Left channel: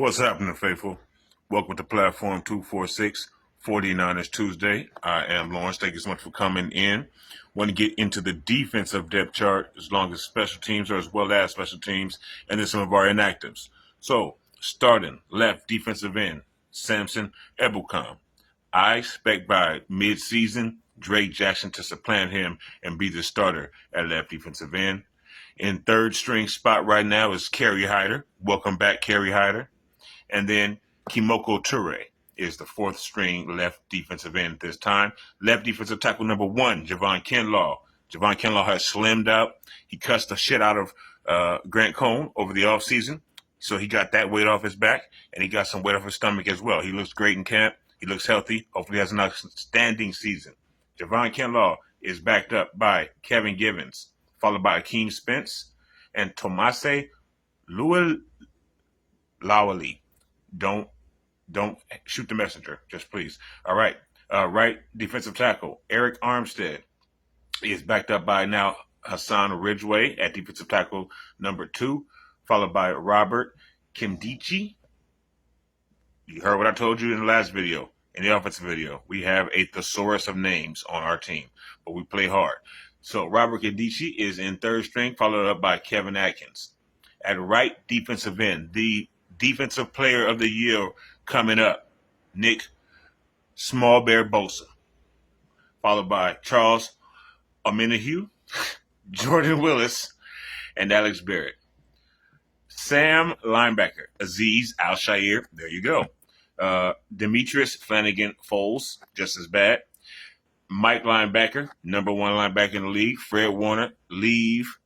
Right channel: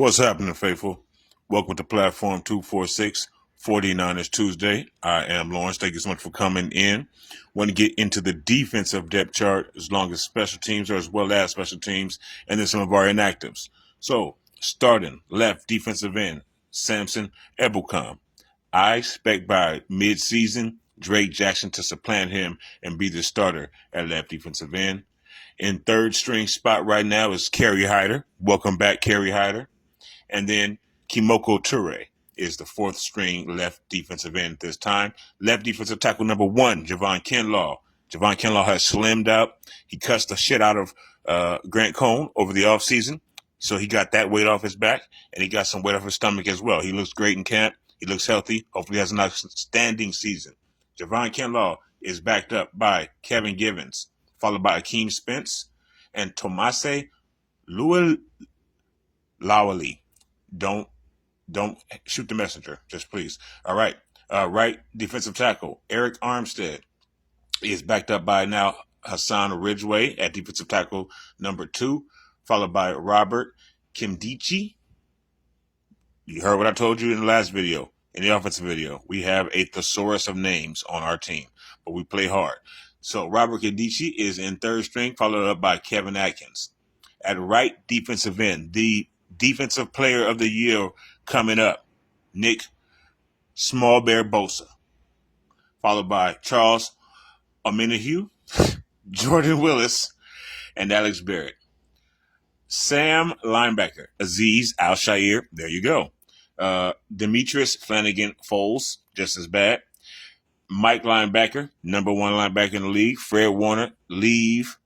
What's happening, faithful? Welcome to Platform 246, 49ers Tuesday. I am Lawrence. Thank you so much for coming in. Want to get into the defensive depth chart as long as special teams or as well as special teams, and then some of our inactives. So, starting left defensive end, Samson Ebukam. I expect by mid-season, Drake Jackson to supplant him and be the starter at left defensive end. In third string spot right now is Kerry Hyder. Welcome back, Kerry Hyder. And then Kimoko Ture is the fourth string left defensive end at this time. Left defensive tackle number 1, Javon Kinlaw. Javon Kinlaw has slimmed out. He cussed the shit out of Grant Cohn over the offseason. So he got that weight off his back, and he got some weight off his stomach as well. He looks great in camp. He looks healthy. Hopefully he has an outstanding season. Javon Kinlaw is backed up by Kevin Givens, followed by Akeem Spence and Tomase Lawali. Don't shoot the messenger, just please. All right. Right defensive tackle, Eric Armstead is backed up by now Hassan Ridgeway at defensive tackle number 2, followed by Robert Kimdichi. You heard what I told you in the last video, in the offensive video. We have a thesaurus of names on our team, but we play hard. So Robert Kimdichi is in third string, followed up by Kevin Atkins. At right defensive end, the defensive player of the year coming up, Nick Small Bear Bosa, followed by Charles Omenihu, Jordan Willis, and Alex Barrett. Sam linebacker, Aziz Al-Shair, there you go. Demetrius Flanagan Foles, just as bad. Mike linebacker, number 1 linebacker in the league, Fred Warner, leave.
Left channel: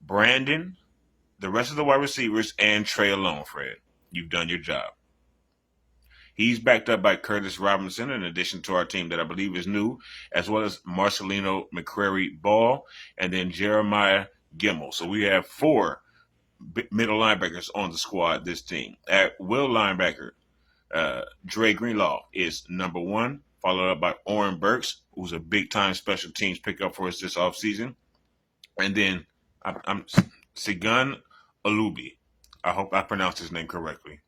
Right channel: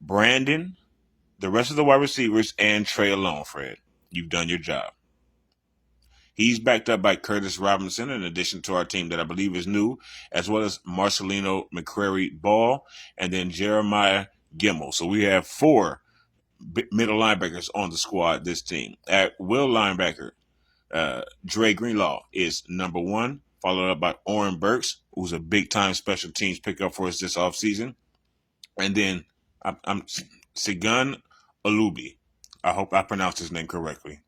Brandon, the rest of the wide receivers, and Trey alone, Fred. You've done your job. He's backed up by Curtis Robinson, in addition to our team that I believe is new, as well as Marcelino McCrary Ball, and then Jeremiah Gimmel. So we have 4 middle linebackers on the squad this team. At will linebacker, Dre Greenlaw is number 1, followed up by Oren Burks, who's a big-time special teams pickup for us this offseason. And then I'm Sigun Alubi. I hope I pronounced his name correctly.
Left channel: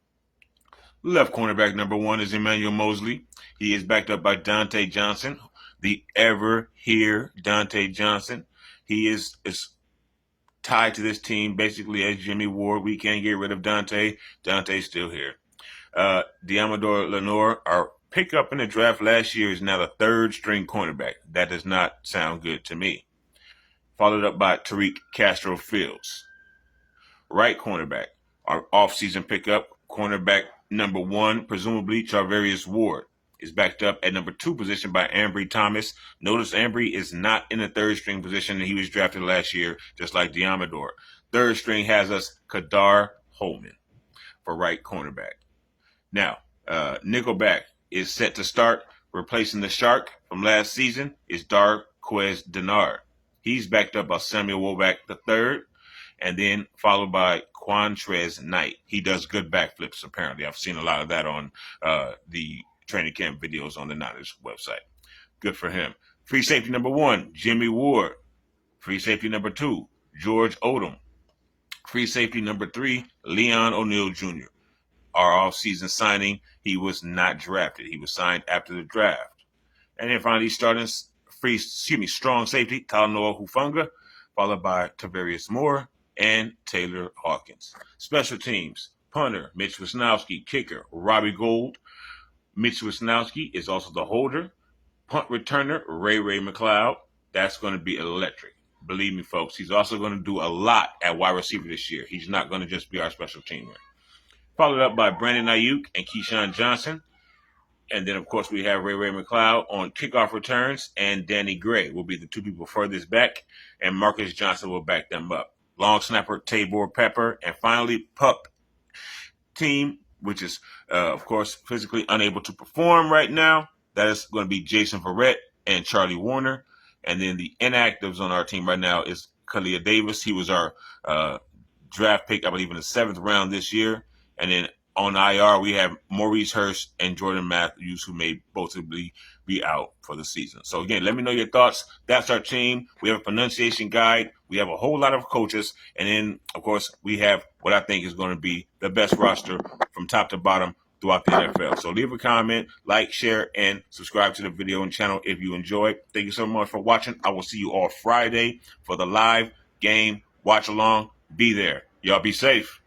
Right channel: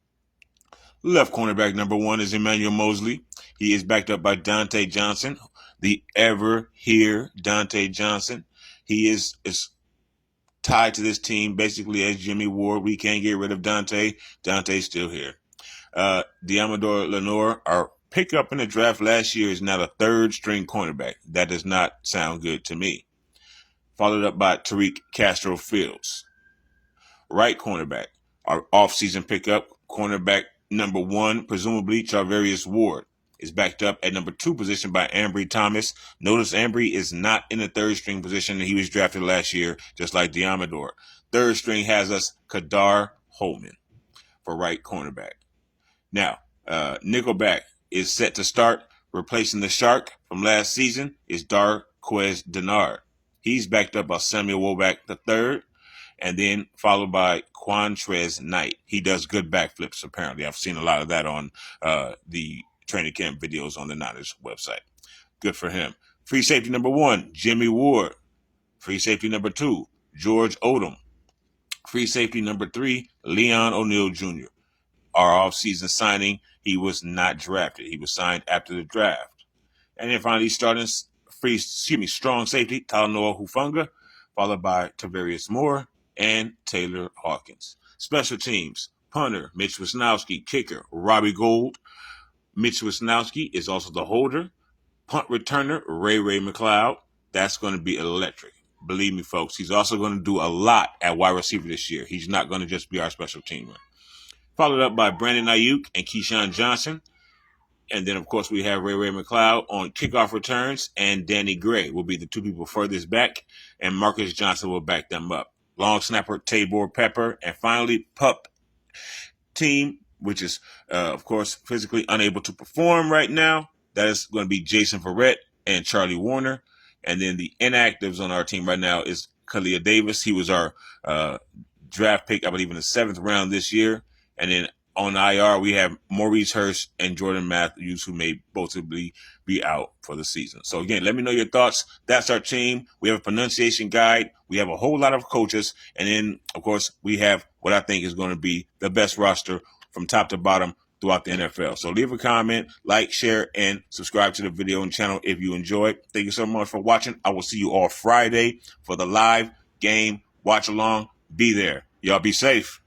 Left cornerback number 1 is Emmanuel Mosley. He is backed up by Dante Johnson, the ever here Dante Johnson. He is tied to this team basically as Jimmy Ward. We can't get rid of Dante. Dante's still here. Diamador Lenore, our pickup in the draft last year, is now a third string cornerback. That does not sound good to me. Followed up by Tariq Castro Fields. Right cornerback, our offseason pickup, cornerback number 1, presumably Charvarius Ward, is backed up at number 2 position by Ambry Thomas. Notice Ambry is not in the third string position. He was drafted last year, just like Diamador. Third string has us Kadar Holman for right cornerback. Now, nickelback is set to start. Replacing the Shark from last season is Darquez Denard. He's backed up by Samuel Woback III, and then followed by Quantrez Knight. He does good backflips, apparently. I've seen a lot of that on the training camp videos on the Niners website. Good for him. Free safety number 1, Jimmy Ward. Free safety number 2, George Odom. Free safety number 3, Leon O'Neal Jr. Our offseason signing, he was not drafted. He was signed after the draft. And then finally starting strong safety, Talanoa Hufanga, followed by Tavarius Moore and Taylor Hawkins. Special teams, punter, Mitch Wisnowski. Kicker, Robbie Gould. Mitch Wisnowski is also the holder. Punt returner, Ray McLeod. That's going to be electric. Believe me, folks, he's also going to do a lot at wide receiver this year. He's not going to just be our special teamer. Followed up by Brandon Ayuk and Keyshawn Johnson. And then, of course, we have Ray McLeod on kickoff returns, and Danny Gray will be the 2 people furthest back, and Marcus Johnson will back them up. Long snapper, Tabor Pepper, and finally, pup team, which is, of course, physically unable to perform right now. That is going to be Jason Verrett and Charlie Warner. And then the inactives on our team right now is Kalia Davis. He was our draft pick, I believe, in the 7th round this year. And then on IR, we have Maurice Hurst and Jordan Matthews, who may possibly be out for the season. So again, let me know your thoughts. That's our team. We have a pronunciation guide. We have a whole lot of coaches. And then, of course, we have what I think is going to be the best roster from top to bottom throughout the NFL. So leave a comment, like, share, and subscribe to the video and channel if you enjoyed. Thank you so much for watching. I will see you all Friday for the live game watch along. Be there. Y'all be safe.